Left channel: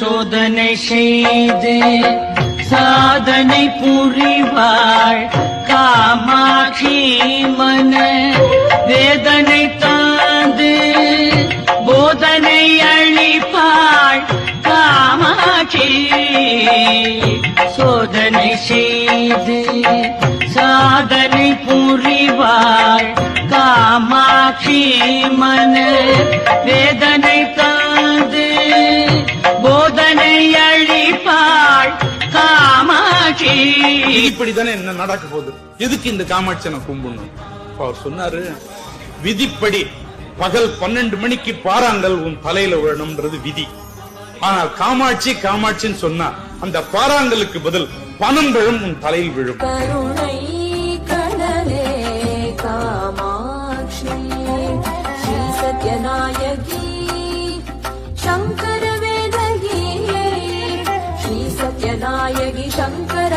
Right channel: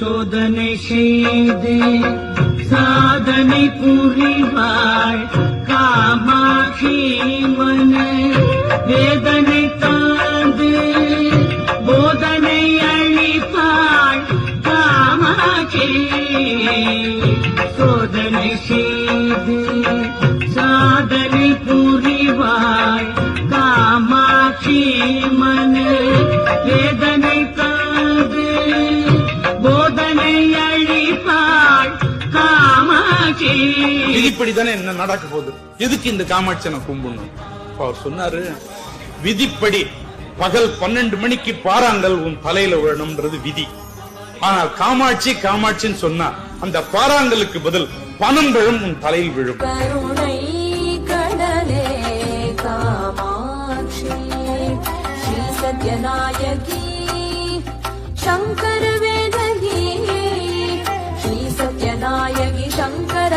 சோதனை செய்து சாதனை புரிவாள் காமாட்சி மன வேதனை தாந்து போதனை அளிப்பாள் காமாட்சி சோதனை செய்து சாதனை புரிவாள் காமாட்சி மன வேதனை தாந்து போதனை அளிப்பாள் காமாட்சி. விதிப்படிதானே என்ன நடக்க போகுது, எதுக்கு இந்த காமாட்சி நான் கும்பிடணும்? அவர் சொன்னாரு, விதிப்படி பகல் 12 மணிக்கு பாறாங்கல் உன் தலையில விழணும்ன்றது விதி. ஆனால் காமாட்சி காமாட்சின்னு சொன்னா அந்த பாறாங்கலுக்கு பதில் பணம் விழும் உன் தலையில் விழும். கருணை கடலே காமாட்சி ஸ்ரீ சத்யநாயகி சங்கர வேதகி ஸ்ரீ சத்யநாயகி சங்கர